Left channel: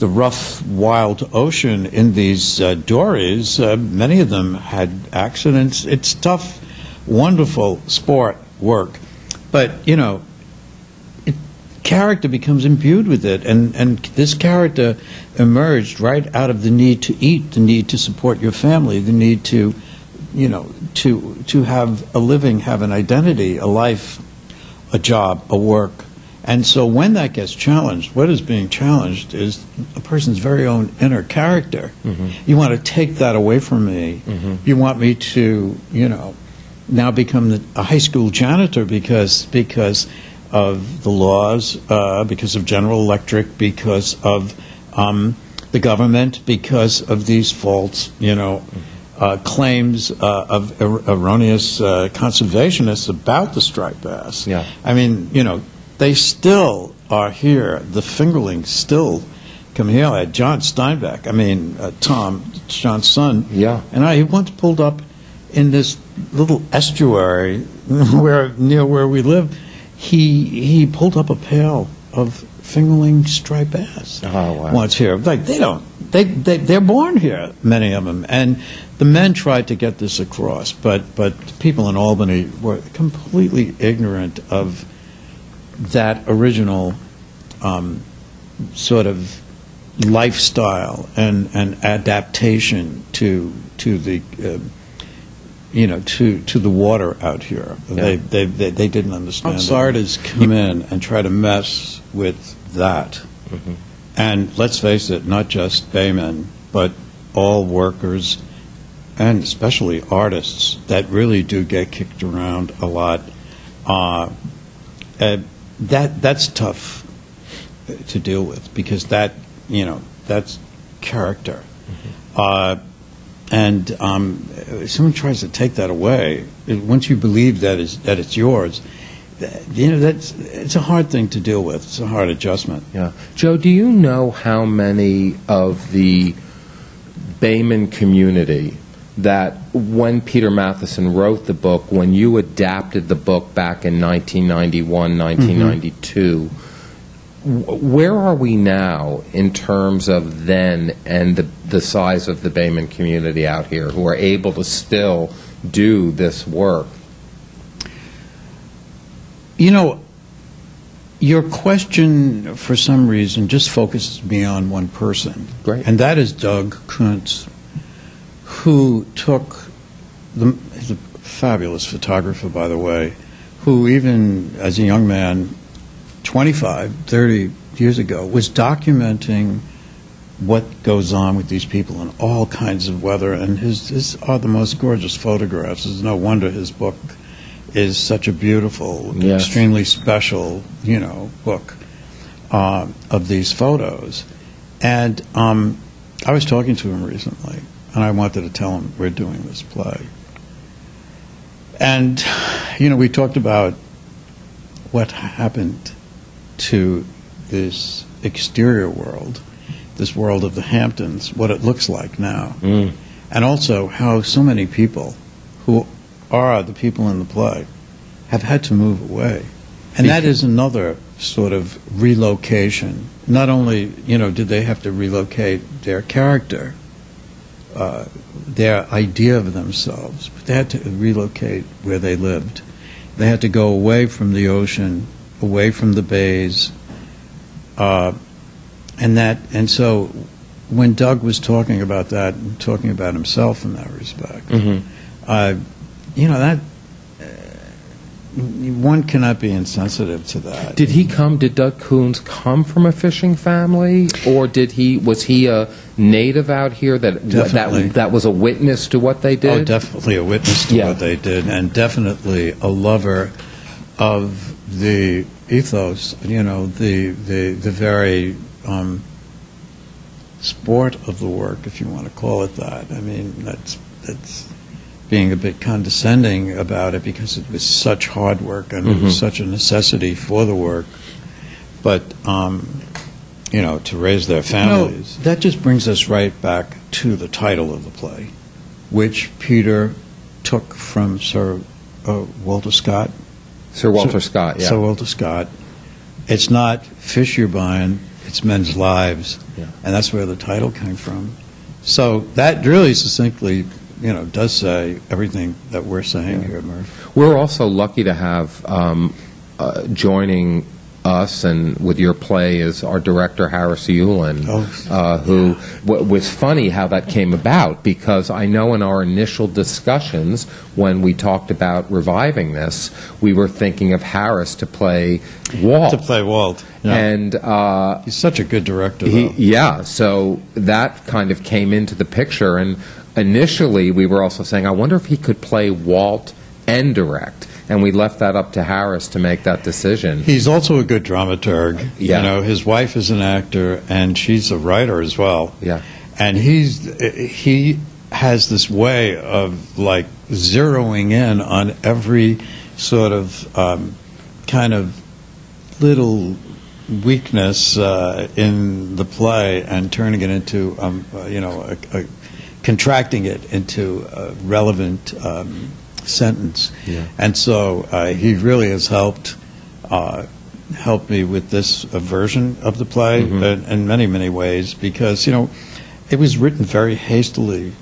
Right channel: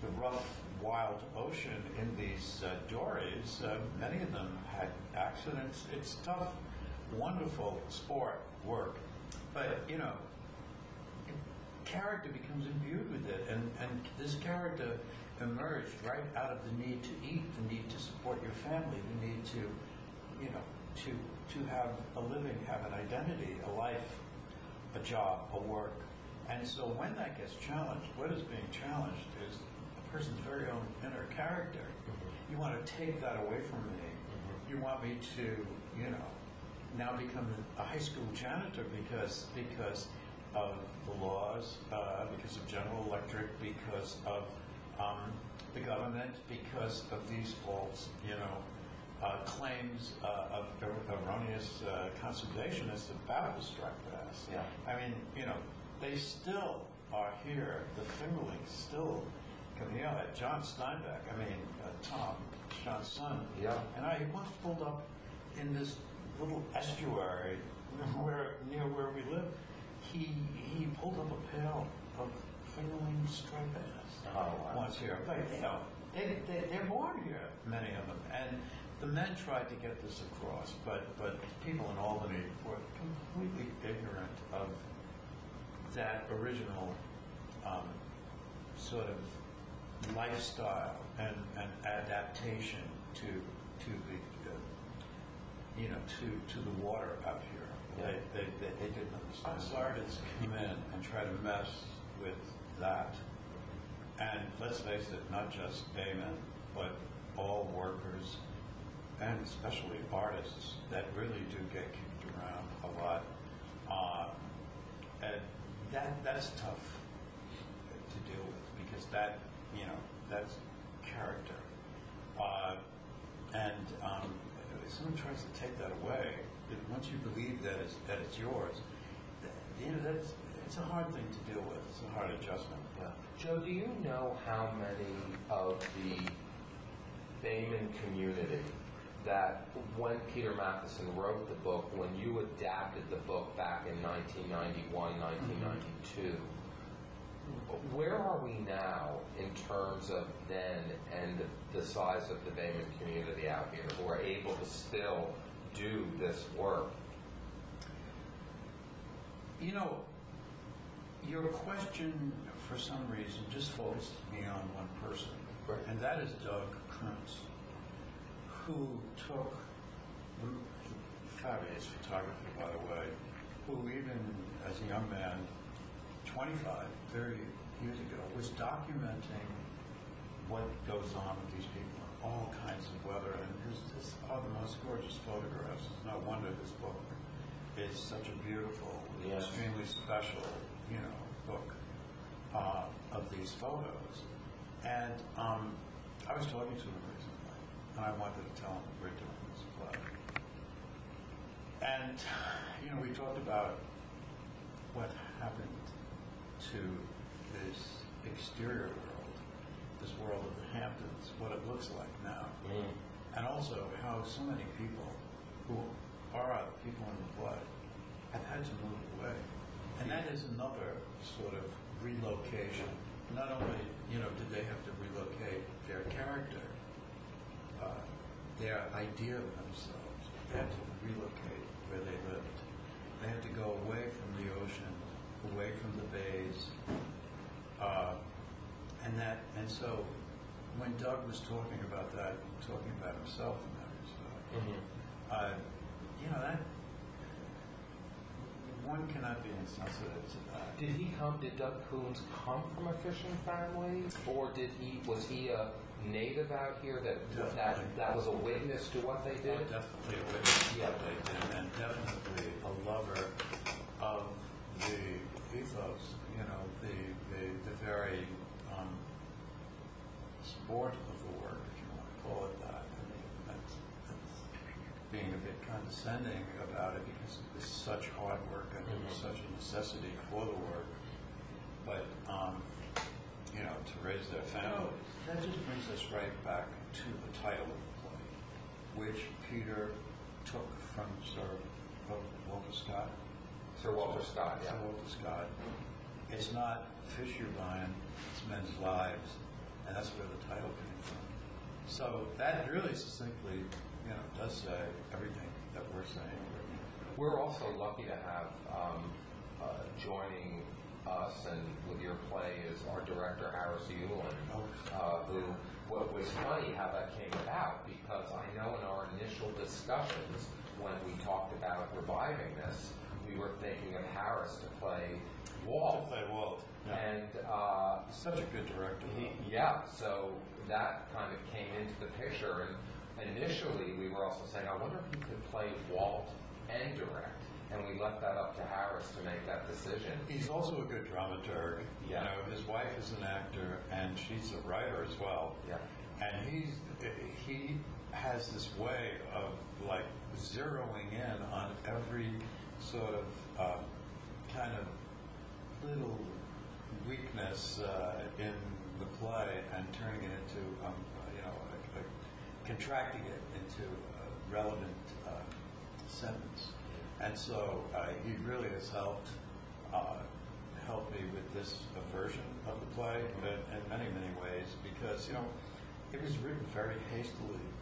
the rough, wild ocean in these dories. Many of them had accidents. It's tough, wonderful sport work. But, you know, character becomes imbued with it. And this character emerged right out of the need to eat, the need to support your family, the need to, you know, to have a living, have an identity, a life, a job, a work. And so when that gets challenged, what is being challenged is a person's very own inner character. Mm-hmm. You want to take that away from me. Mm-hmm. You want me to, you know, now become a high school janitor because of the laws, because of General Electric, because of the government, because of these false, you know, claims of erroneous conservationists about the striped bass. Yeah. I mean, you know, they still are here. The fingerlings still come here. I had John Steinbeck, I mean, Tom, John's son. Yeah. And he once pulled up in this little estuary near where we live. He pulled up a pail of fingerling striped bass. Oh, wow. Once here. Like, they're born here, many of them. And the men tried to get this across, but people in Albany were completely ignorant of that original sort of lifestyle and adaptation to the you know, to the water out here. Yeah. They didn't understand. Outsiders come in and try to mess with that. Mm-hmm. And let's face it, not just baymen, but all workers, and especially artists, that really do get kicked around a lot. That's tough to deal with, because that, you know, that's character. Mm-hmm. And someone tries to take that away. Once you believe that it's yours, you know, it's a hard thing to deal with. It's a hard adjustment. Yeah, Joe, do you know how many of the Bayman community that when Peter Matheson wrote the book, when you adapted the book back in 1991, 1992? Mm-hmm. Where are we now in terms of then and the size of the Bayman community out here who are able to still do this work? You know, your question, for some reason, just focuses me on one person. Great. And that is Doug Kuntz, who took he's a fabulous photographer, by the way, who even as a young man, 25, 30 years ago, was documenting what goes on with these people in all kinds of weather, and his are the most gorgeous photographs. It's no wonder his book is such a beautiful, yes, extremely special, you know, book of these photos. And I was talking to him recently, and I wanted to tell him we're doing this play. And, you know, we talked about what happened to this exterior world, this world of the Hamptons, what it looks like now. Mm. And also how so many people who are the people in the play have had to move away. And that is another sort of relocation. Not only, you know, did they have to relocate their character, their idea of themselves, but they had to relocate where they lived. They had to go away from the ocean, away from the bays, and so when Doug was talking about that, and talking about himself in that respect, mm-hmm, you know, that one cannot be insensitive to that. Did Doug Kuntz come from a fishing family, or was he a native out here that was a witness to what they did? Oh, definitely a witness to what they did, and definitely a lover of the ethos, you know, the very sport of the work, if you want to call it that. I mean, that's being a bit condescending about it, because it was such hard work and it was such a necessity for the work. But, you know, to raise their families. You know, that just brings us right back to the title of the play, which Peter took from Sir Walter Scott. Sir Walter Scott, yeah. Sir Walter Scott. It's not fish you're buying, it's men's lives. Yeah. and that's where the title came from. So that really succinctly, does say everything that we're saying here, Murph. We're also lucky to have joining us and with your play is our director Harris Yulin, who was funny how that came about, because I know in our initial discussions when we talked about reviving this, we were thinking of Harris to play Walt. Yeah. And he's such a good director, though. Yeah, so that kind of came into the picture, and initially we were also saying, I wonder if he could play Walt and direct. And we left that up to Harris to make that decision. He's also a good dramaturg. Yeah. His wife is an actor, and she's a writer as well. Yeah. And he has this way of, like, zeroing in on every sort of kind of little weakness in the play and turning it into, contracting it into a relevant sentence. Yeah. And so he really has helped me with this version of the play in many, many ways, because, it was written very hastily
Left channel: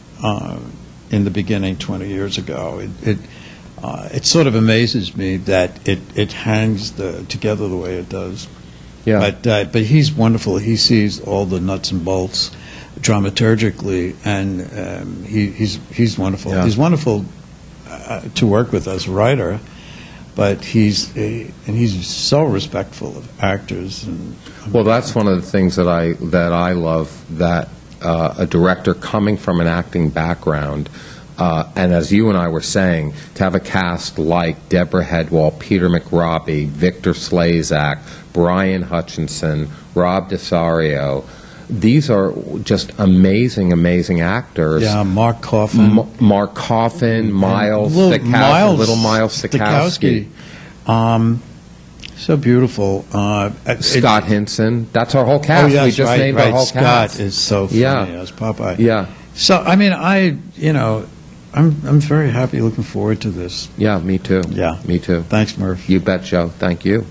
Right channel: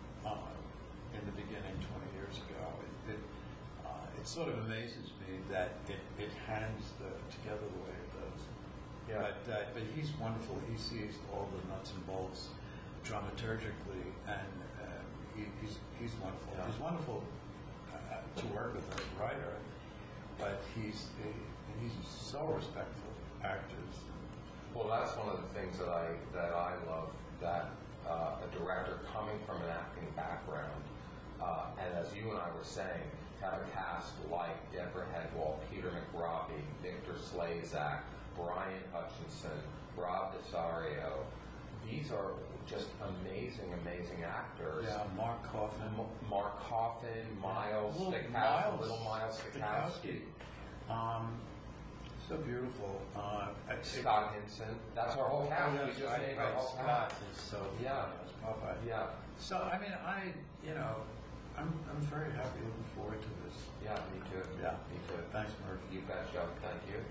in the beginning 20 years ago. It sort of amazes me that it hangs together the way it does. Yeah. But he's wonderful. He sees all the nuts and bolts dramaturgically, and he's wonderful. Yeah. He's wonderful to work with as a writer, but he's so respectful of actors. Well, that's one of the things that I love, that a director coming from an acting background, and as you and I were saying, to have a cast like Deborah Headwall, Peter McRobbie, Victor Slazak, Brian Hutchinson, Rob Desario. These are just amazing, amazing actors. Yeah, Mark Coffin. Mark Coffin, Miles Stokowski, little Miles Stokowski. So beautiful. Scott Hinson. That's our whole cast. Oh, yes, we just right, named right. our whole Scott cast. is so funny as Popeye. Yeah. So, I mean, I'm very happy, looking forward to this. Yeah, me too. Yeah. Me too. Thanks, Murph. You bet, Joe. Thank you.